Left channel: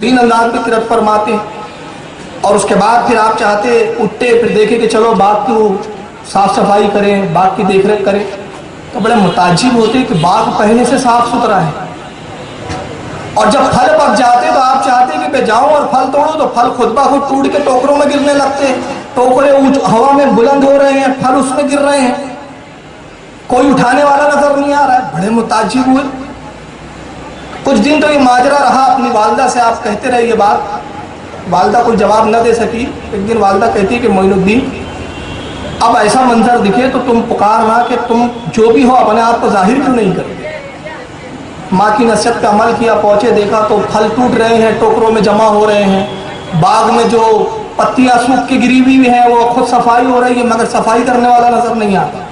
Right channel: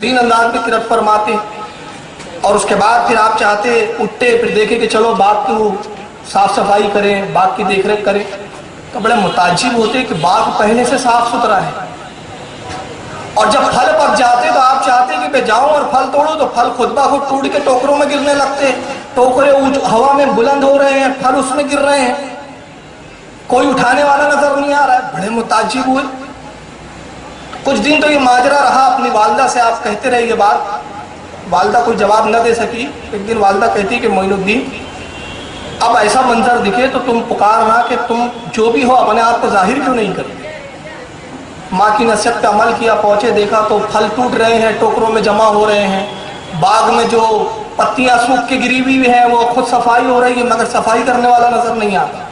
دین انداز میں کرت فرماتے ہیں، اور اس کے بعد پھر آپ چاہتے اٹھتے پھر دیکھیں کہ چلو باغ کی صاف صفائی کریں، باغ کی دیکھ ریکھ کریں، تو بڑے متعجب ہوتے کہ باغ پہلے سے صاف ستھرا ہے، اور جب پھل پک جاتے تو آپ چاہتے کہ میں جاؤں اور پھل توڑوں تو پھل خود بخود ٹوٹ کے ٹوکروں میں گرنے لگتے، ٹوکرے ہوا میں بلند ہو رہے ہیں، پھل اس میں گر رہے ہیں، کوئی اٹھانے والا نظر نہیں آ رہا ہے۔ بڑے متعجب ہوئے۔ کچھ دن تو یہ ماجرا رہا، اپنی والدہ سے آپ کہتے رہے یہ بات، والدہ کوئی جواب نہ دے سکی۔ ایک دن والدہ کہتی کہ معین الدین اب ایسا منظر دکھے تو تم پکارنا کہ تم جو بھی ہو اپنے آپ کو ظاہر کیوں نہیں کرتے۔ ماں کی نصیحت پہ عمل کیا، پہنچے دیکھا تو پھل ٹوٹ رہے ہیں، ٹوکروں میں جمع ہو رہے ہیں، باغ میں جو پتیاں سوکھ کے گری ہوئی ہیں وہ خود صفائی ہو رہی ہے مگر صفائی کرنے والا نظر نہیں آتا۔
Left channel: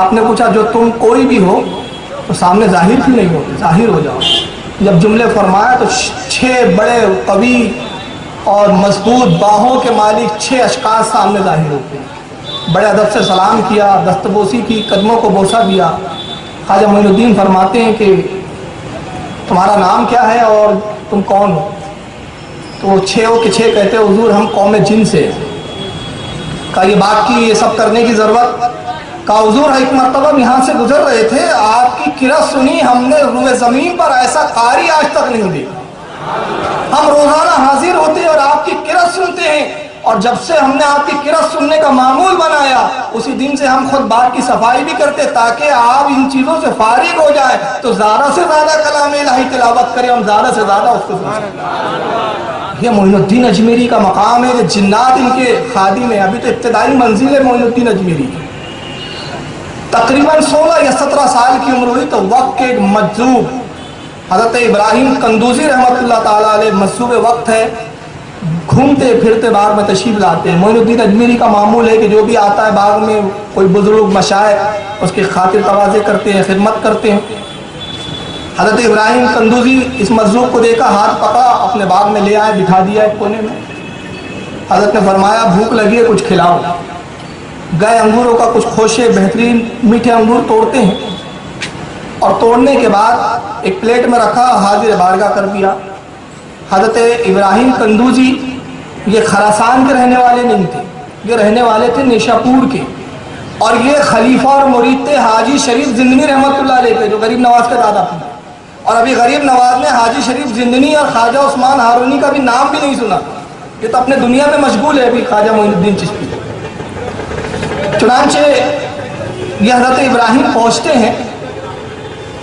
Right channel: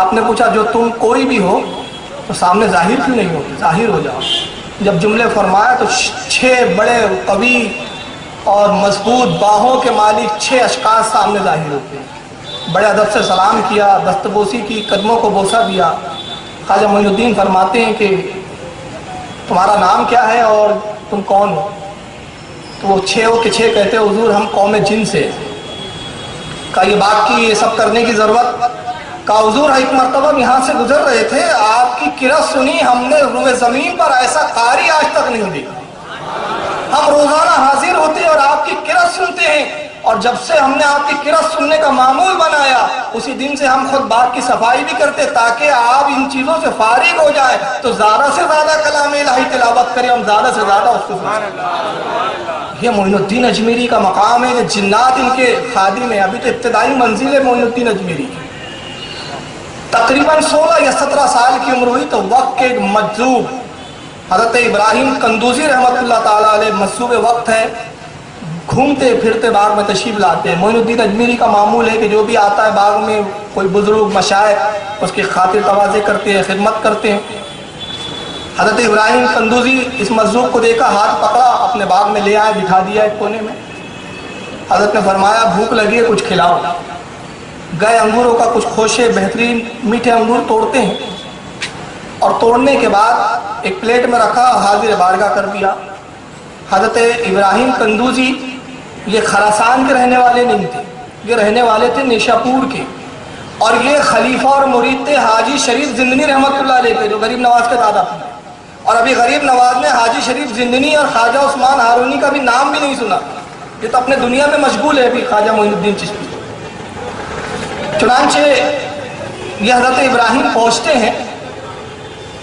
آپ نے پوچھا جو تم کوئی بھی ہو تو سامنے ظاہر کیوں نہیں ہوتے، ظاہر ہو جاؤ۔ جب جملے فرمایا تو 6 بڑے قوی اور مضبوط باہوں کے مالک 6 اشخاص سامنے ظاہر ہوتے ہیں۔ بڑے ادب سے سلام کیا، دستبوسی کی، قدموں کو بوسہ دیا۔ خواجہ معین الدین فرماتے ہیں کہ تمہارا نام کیا ہے اور تم کون ہو؟ تو وہ 6 کے 6 کہتے حضور ہم قوم جن سے۔ کہا یہ بات کی یہ سب کرنے کی ضرورت؟ کہا حضور ایک مرتبہ ہم یہاں سے گزر رہے تھے، آپ کی کرت سنی، ہم نے روئے زمین پر ایسا قاری آج تک نہیں دیکھا۔ ہم روزانہ حاضر ہوتے ہیں اور آپ کی کرت سنتے ہیں، اور جب سے ہم نے آپ کی کرت سننے کا معمول بنایا اسی دن سے ہم خود باغ کی صفائی بھی کرتے تاکہ آپ ان چیزوں سے فارغ ہو جائیں تو زیادہ سے زیادہ کلام الہی تلاوت کریں، ہم زیادہ سے زیادہ اس کو سنیں۔ یہ معین الدین اجمیری کا مقام ہے، یہ جنات ان کے خادم ہیں۔ ابھی تو ابتدائی منزل ہے معین الدین اجمیری کی۔ تقریباً 16 یا 17 سال کی عمر ہوئی تو وقت کے مجذوب حضرت ابراہیم قندوزی رحمۃ اللہ تعالیٰ علیہ مجذوب وقت ہے، گھومتے پھرتے باغ میں تشریف لاتے ہیں۔ معین الدین اجمیری کا معمول ہے کہ جو بھی آتا ہے باغ میں کوئی بزرگ مشائخ اس کی خاطر تواضع کرتے ہیں، خدمت کرتے ہیں۔ حضرت ابراہیم قندوزی اس مجذوب کو دیکھا، ہاتھ پکڑا، اپنے باغ میں لے آئے، بٹھا دیا ایک کونے میں۔ حضرت نے فرمایا بھوک لگی ہے کچھ کھلاؤ۔ گئے انگوروں کا کچھ خوشے بہترین میٹھے انگور توڑتے ہیں، اور توڑنے کے بعد ایک پلیٹ میں رکھا، حاضر بارگاہ کر دیا۔ حضرت ابراہیم قندوزی یہ خراسان کے رہنے والے نہیں تھے، یہ رہنے والے تھے نیشاپور کے، اور یہ خلیفہ اور مرید تھے حاجی شریف زندنی رحمۃ اللہ علیہ کے، جو غریب نواز کے دادا تھے۔ اور ابھی غریب نواز نے حاجی شریف زندنی اور خواجہ عثمان ہارونی کا بھی نام بھی نہیں سنا، یہ تو اپنے دنیا میں مشغول ہے ابھی خواجہ معین الدین چشتی۔ چنانچہ یہ حضرت ابراہیم پہنچتے ہیں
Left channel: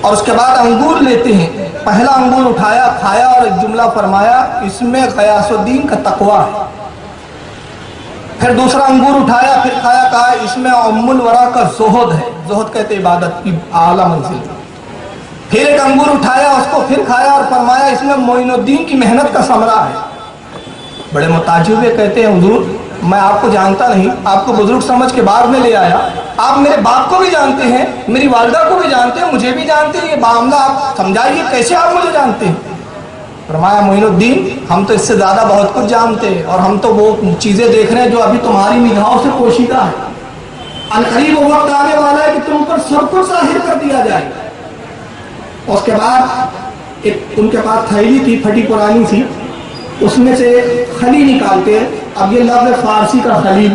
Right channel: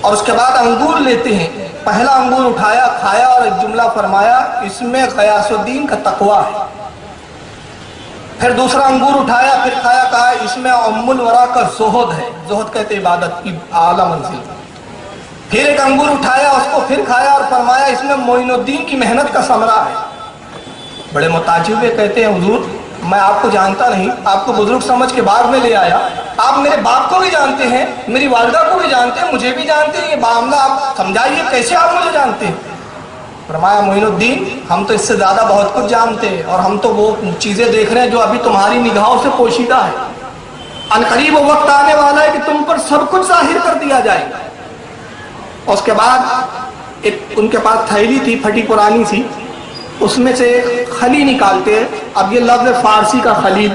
اور اس کے بعد انگور لیتے ہیں۔ پہلا انگور اٹھایا، کھایا، اور ایک جملہ فرمایا اس میں غیاث الدین کا تقویٰ ہے۔ پھر دوسرا انگور اٹھایا، پھر کھایا، کہا اس میں ام الورا کا زہد ہے، زہد کہتے عبادت کی اعلیٰ منزل۔ پھر ایک انگور اٹھایا، اس کو پھر کھایا اور فرمایا اس میں معین الدین کی محنت کا ثمرہ ہے۔ بڑے متعجب ہوئے، کہتے ہیں حضور میں آپ کو جانتا نہیں، آپ کو بزرگ سمجھ کے باغ میں لے آیا، آپ میرے باپ کو بھی جانتے ہیں، میری والدہ کو بھی جانتے ہیں، مجھے بھی جانتے ہیں، یہ معاملہ آپ سمجھائیے کیسے آپ مجھے جانتے ہیں؟ فرمایا معین الدین ہم تو اس سے زیادہ بہت کچھ جانتے ہیں، اور ہم تو وہ چیزیں دیکھ رہے ہیں جو ابھی تمہاری نگاہوں سے پوشیدہ ہے۔ عنقریب وہ وقت آنے والا ہے کہ تم پر سب کچھ ظاہر کر دیا جائے گا۔ اور اس کے بعد ایک ان کے پاس تھیلی تھی پھٹی پرانی سی، اس میں سے خلی نکالتے ہیں۔ اب یہ لفظ فارسی کا خلیل،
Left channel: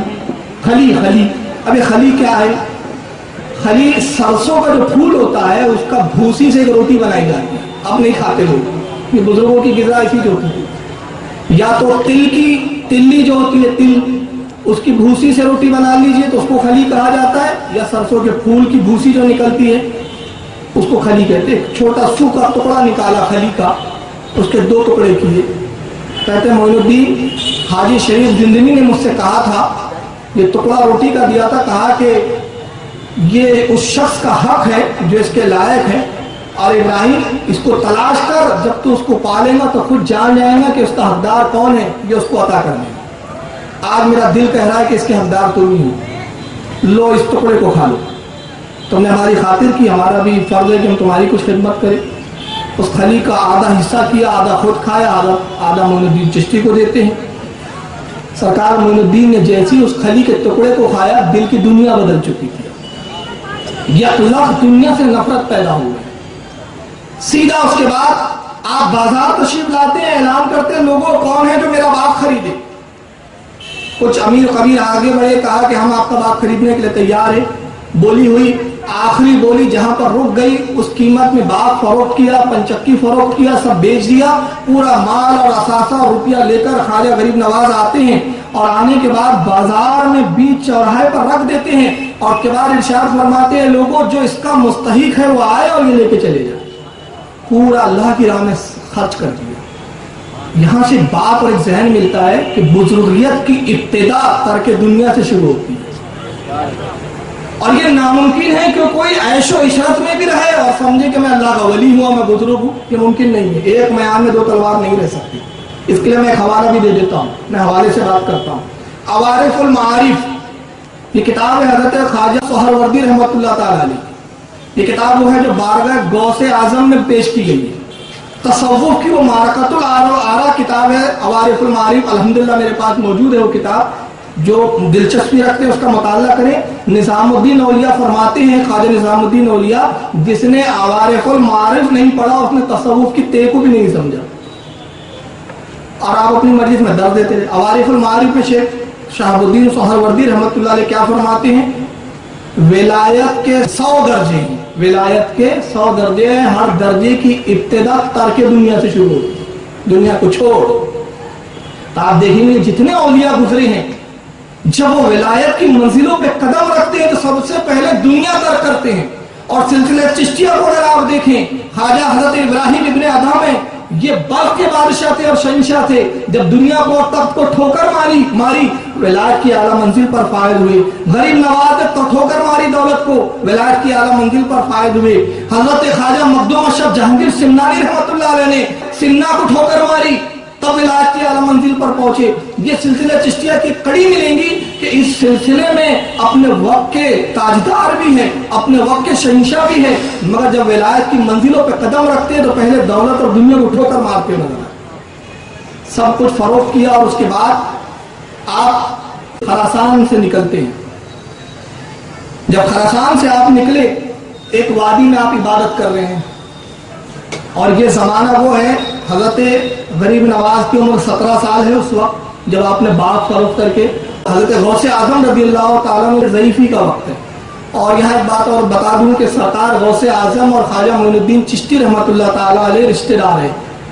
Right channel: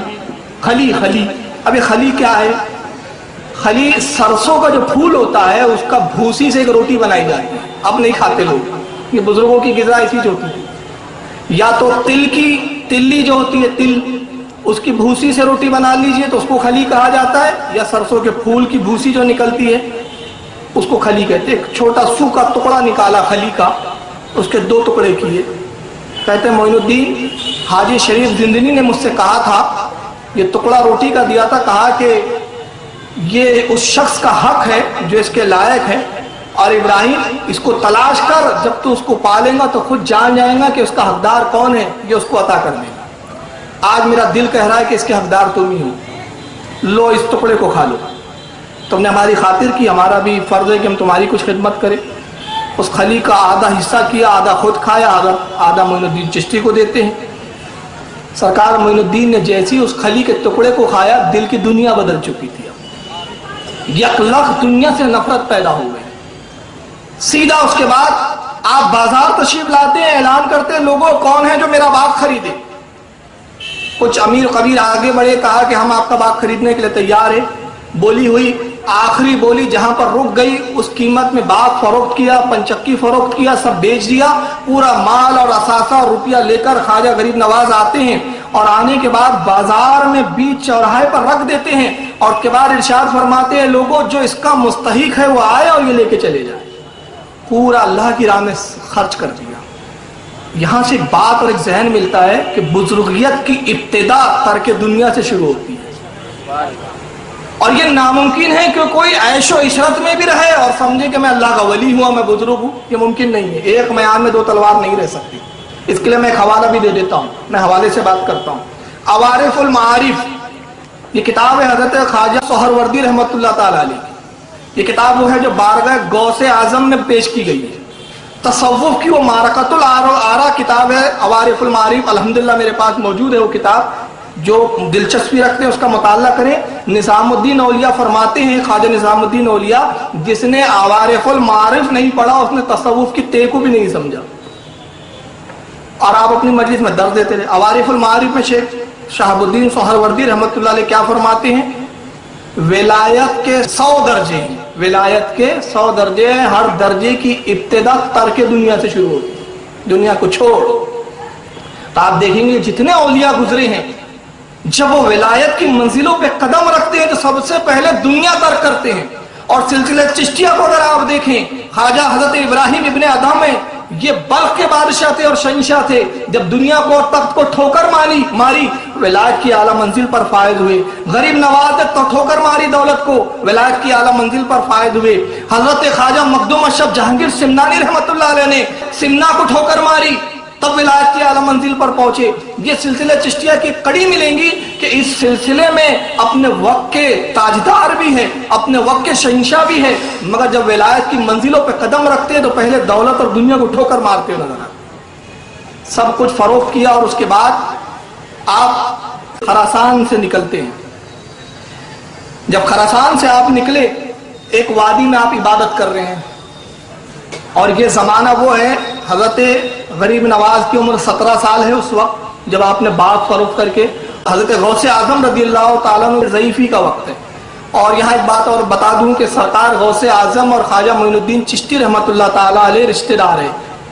خلی، اب یہ خلی کیا ہے؟ خلی سرسوں کا جو پھول ہوتا ہے اس کا بھوسی سے ایک روٹی بنائی جاتی ہے، اب نہیں کھاتے لوگ، یہ بزرگوں کی غذا ایسی جو ہوتی ہے۔ یا تو تلی جو ہوتی ہے تل، اس کی بھوسی سے روٹی بنا لیجئے تو اس کو خلی کہا جاتا ہے، یا سرسوں کے پھول کی بھوسی جو نکلتی ہے اس کو خلی کہتے ہیں۔ ایک چھوٹا سوکھا ٹکڑا نکالا خلی کا، اس کے 2 ٹکڑے کیے۔ کہتے ہیں معین الدین حاجی شریف زندنی نے مجھ سے کہا تھا، یہ ٹکڑا روٹی کا دیا تھا، کہا کہ یہ اس شخص کا حق ہے جو اس کے لائق ہے، اور ابراہیم اس کو تلاش کر، جب تو اس کو پالیں گا تو خود جان جائیں گا کہ اس کا حقدار کون ہے، یہ اس کو عطا کر دیں گا۔ آج میرا دل کہہ رہا ہے کہ اس کے حقدار تم ہی ہو، لو اس ٹکڑے کو کھا لو، تم نے ہماری خاطر کی، ہمارا بھی فرض ہے کہ ہم تمہاری کچھ خدمت کریں۔ اس خلی کا آدھا حصہ کیا، آدھا خود کھایا، آدھا معین الدین چشتی کو دیتے ہیں۔ سرکار معین الدین نے جیسی اس خلی کے ٹکڑے کو کھایا دل کی دنیا بدل چکی تھی، یک لخت دنیا سے نفرت پیدا ہو گئی۔ سیدھا اس کے بعد آپ بازار تشریف لاتے ہیں، اعلان کرتے ہیں لوگوں کون ہے جو میرا باغ خریدے. کچھ امیر قبیر آگے بڑھے، کہا کہ ہم آپ کا باغ خریدنے کے لیے تیار ہیں. بولی ہوئی، آخری بولی جہاں پر رک گئی اس قیمت میں باغ فروخت کیا، پنچکی فروخت کیا، سب بیچ دیا. پورا مال اور اثاثہ روپیہ لے کر خواجہ غریب نواز آتے ہیں اور آنے کے بعد بازار میں بیچ چوراہے پر رکھ دیتے ہیں اور اس کے بعد ارشاد فرماتے ہیں لوگوں جو اس کا مستحق ہے وہ آئے اور یہ لے کے چلے جائے. پورا اللہ کی راہ میں خرچ کر دیا. یہاں سے بات اور ایک ذہن ملتا ہے کہ بزرگیت کی ابتدا ترک دنیا سے شروع ہوتی ہے، اور یہ ناممکن ہے کہ کوئی عیش و عشرت میں بھی رہے اور سمجھے کہ میں اللہ کا ولی ہوں، میں بزرگ ہوں. یہ ممکن نہیں ہے. ایک میان میں دو تلوار نہیں رہ سکتی. اس کے لیے میں ایک حوالہ بھی دے دیتا ہوں، میں حوالے سے بات کرتا ہوں. عوارف المعارف یہ کتاب ہے حضرت خواجہ سہروردی رحمۃ اللہ تعالی علیہ. یہ کتاب وہ ہے جو بارگاہ غوث اعظم میں پیش کی گئی ہے. تصوف کی وہ معرکۃ الآراء کتاب ہے عوارف المعارف. الحمدللہ میرے پاس موجود ہے وہ کتاب. جو دلچسپی رکھتے ہیں اس کا مطالعہ کریں. نظام الدین اولیاء فرماتے ہیں، خواجہ نظام الدین اولیاء، جس نے عوارف المعارف نہیں پڑھا اس نے تصوف کی تے کو بھی نہیں سمجھا. اور آپ اپنی مجلس میں درد دیتے رہے. عوارف المعارف میں شیخ شہاب الدین سہروردی رحمۃ اللہ علیہ کیا فرماتے ہیں؟ ولایت کے 100 درجے ہیں، ولایت کے 100 درجے ہیں. ہر درجے کی ابتدا ترک دنیا سے شروع ہوتی ہے، دنیا کو چھوڑ. تو آپ دیکھیں گے جتنے اولیاء گزرے ہیں جب وہ ولایت کی منزلوں پہ قدم رکھتے ہیں تو سب سے پہلے دنیا ترک کرتے ہیں. اور سلسلہ چشتیہ کو اگر آپ دیکھیں، خواجہ حضرت ابراہیم ابن ادھم ہے، یہ بلخ کے بادشاہ تھے اور شہنشاہ تھے. جب دنیا کو اور تخت کو ٹھوکر ماری ولایت کی اعلیٰ منزل پر فائز ہوئے. غریب نواز نے ٹھوکر ماری دولت کو، ولایت کی اعلیٰ منزل پر فائز ہوئے. حضرت خواجہ مخدوم اشرف جہانگیر سمنانی رحمۃ اللہ علیہ نے سمنا کو ٹھوکر ماری، تب ولایت کی اعلیٰ منزل پر پہنچے. یہ سلسلہ چشتیہ کی کڑی ملیں گی کہ اس سلسلے میں اپنے وقت کے تاجدار بھی ہیں، اپنے وقت کے شہنشاہ بھی ہیں، مگر جب ولایت کی منزلوں پہ قدم رکھتے ہیں تو پہلے دولت اور دنیا کو ٹھوکر مارتے ہوئے نظر آتے. سب کچھ فروخت کیا اور اس کے بعد آپ خراسان سے نکلتے ہیں. جب خراسان سے آپ نکلے ایک وادی میں آپ عبادت کر رہے ہیں، اور یہ زمانہ وہ ہے حضرت غریب نواز کی عمر 17 سال ہے اس وقت جب آپ نے باغ فروخت کر کے. حضرت غوث اعظم رضی اللہ تعالیٰ عنہ ضعیفی کا وقت ہے. اور یہاں ایک بات اور بتا دوں کہ سرکار غوث اعظم اور خواجہ معین الدین چشتی رحمۃ اللہ تعالیٰ علیہ رشتہ دار ہیں.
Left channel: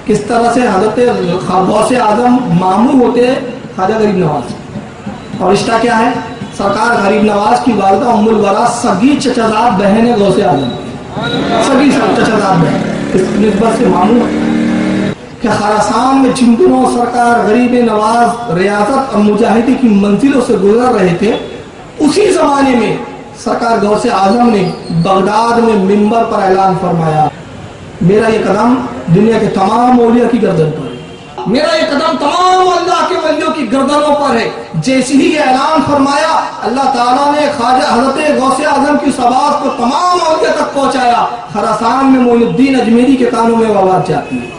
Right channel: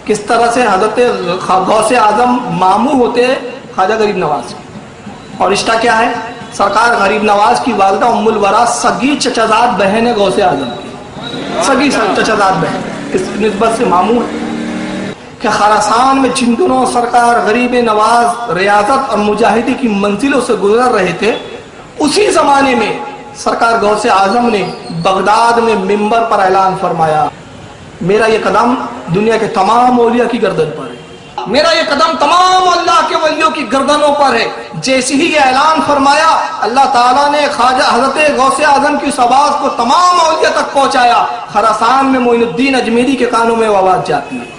کس طرح سے حضرت غوث اعظم ماموں ہوتے ہیں خواجہ غریب نواز، اور رشتہ کیا ہے؟ سرکار غریب نواز کی والدہ ام الورا سگی چچازاد بہن ہے غوث اعظم کی، سگی چچازاد بہن، اس نسبت سے ماموں کہ خراسان میں جن دنوں سرکار غریب نواز ریاضت اور مجاہدی کی منزلوں سے گزر رہے تھے، اسی زمانے میں سرکار غوث اعظم نے بغداد میں منبر پر اعلان فرمایا میرا یہ قدم دنیا کے تمام اولیاء کی گردن پر ہے، میرا یہ قدم تمام اللہ کے ولیوں کی گردنوں پر ہے. جیسے ہی یہ اعلان فرمایا اللہ تعالیٰ نے خواجہ حضرت غوث اعظم کی آواز کو تمام اولیاء تک پہنچایا. خراسان میں معین الدین اجمیری کے کانوں میں وہ آواز جاتی ہے،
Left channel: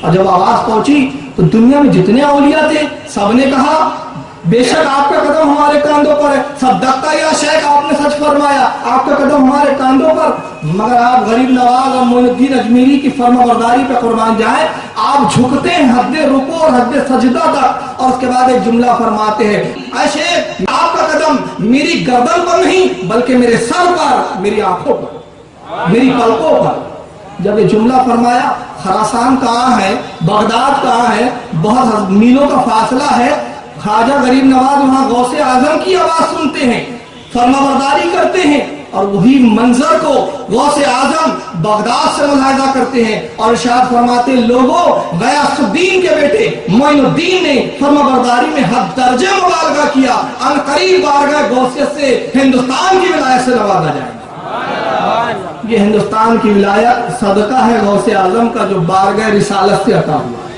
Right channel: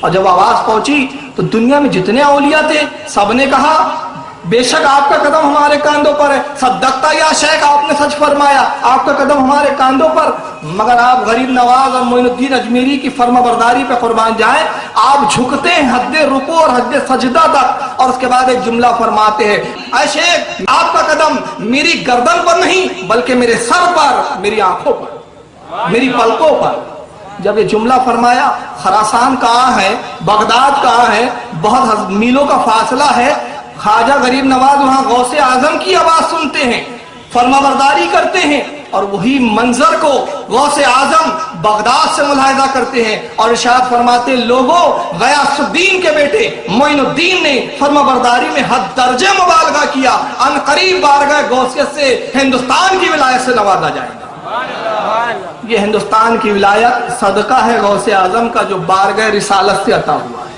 اور جب آواز پہنچی تو دنیا میں جتنے اولیاء تھے سب نے کہا بے شک آپ کا قدم ہمارے کاندھوں پر ہے، صدقتا یا شیخ آپ نے سچ فرمایا، آپ کا قدم ہمارے کاندھوں پر. مگر آپ غریب نواز اور معین الدین اجمیری کی فرما برداری پہ قربان جائیں، آپ جھکتے ہیں حد رکوع اور حد سجدہ تک، اور اس کے بعد ایک جملہ فرماتے ہیں اے شیخ آپ کا قدم میری گردن پر نہیں بلکہ میرے سر پر، میری آنکھوں پر، میری پلکوں پر. جب یہ جملہ فرمایا، خراسان کہاں ہے، بغداد کہاں ہے، بہت میلوں کا فاصلہ ہے، خواجہ غریب نواز وہاں غوث اعظم کی آواز سنتے ہیں، فرما برداری کرتے ہیں، اور وہی منظر کو غوث اعظم بغداد سے ملاحظہ کرتے ہیں اور ارشاد فرماتے لوگوں غیاث الدین کے بیٹے معین الدین نے فرما برداری میں حد درجے مبالغہ کیا، ان قریب بارگاہ غوثیت سے ہندوستان کی ولایت سے نوازا جائے گا. یہ ہندوستان کی ولایت صدقہ ہے غوث اعظم کا جو بارگاہ رسالت سے عطا ہوا ہے.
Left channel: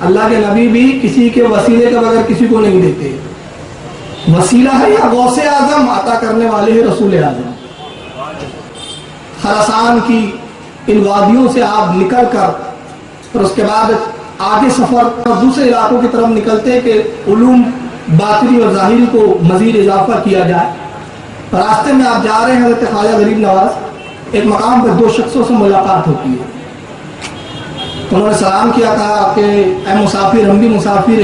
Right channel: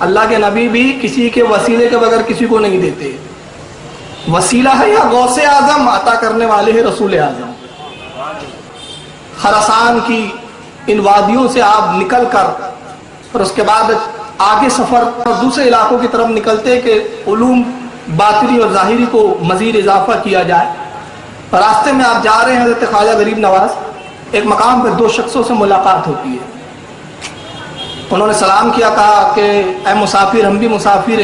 اللہ کے نبی بھی کسی کے وسیلے کے بغیر کسی کو نہیں دیتے. وسیلہ ہے یا غوث اعظم عطا کرنے والے ہیں رسول اعظم. خراسان کی ان وادیوں سے آپ نکل کر اور اس کے بعد آگے سفر اور دوسرے علاقوں کی طرف نکلتے کہ علوم باطنی اور ظاہری کو مزید اضافہ کیا جائے. راستے میں آپ جا رہے ہیں حضرت خواجہ غریب نواز، ایک مقام پر دو شخصوں سے ملاقات ہوتی ہے. انہوں نے سلام کیا, کہا کہ اے مسافر, ہم بھی مسافر ہیں.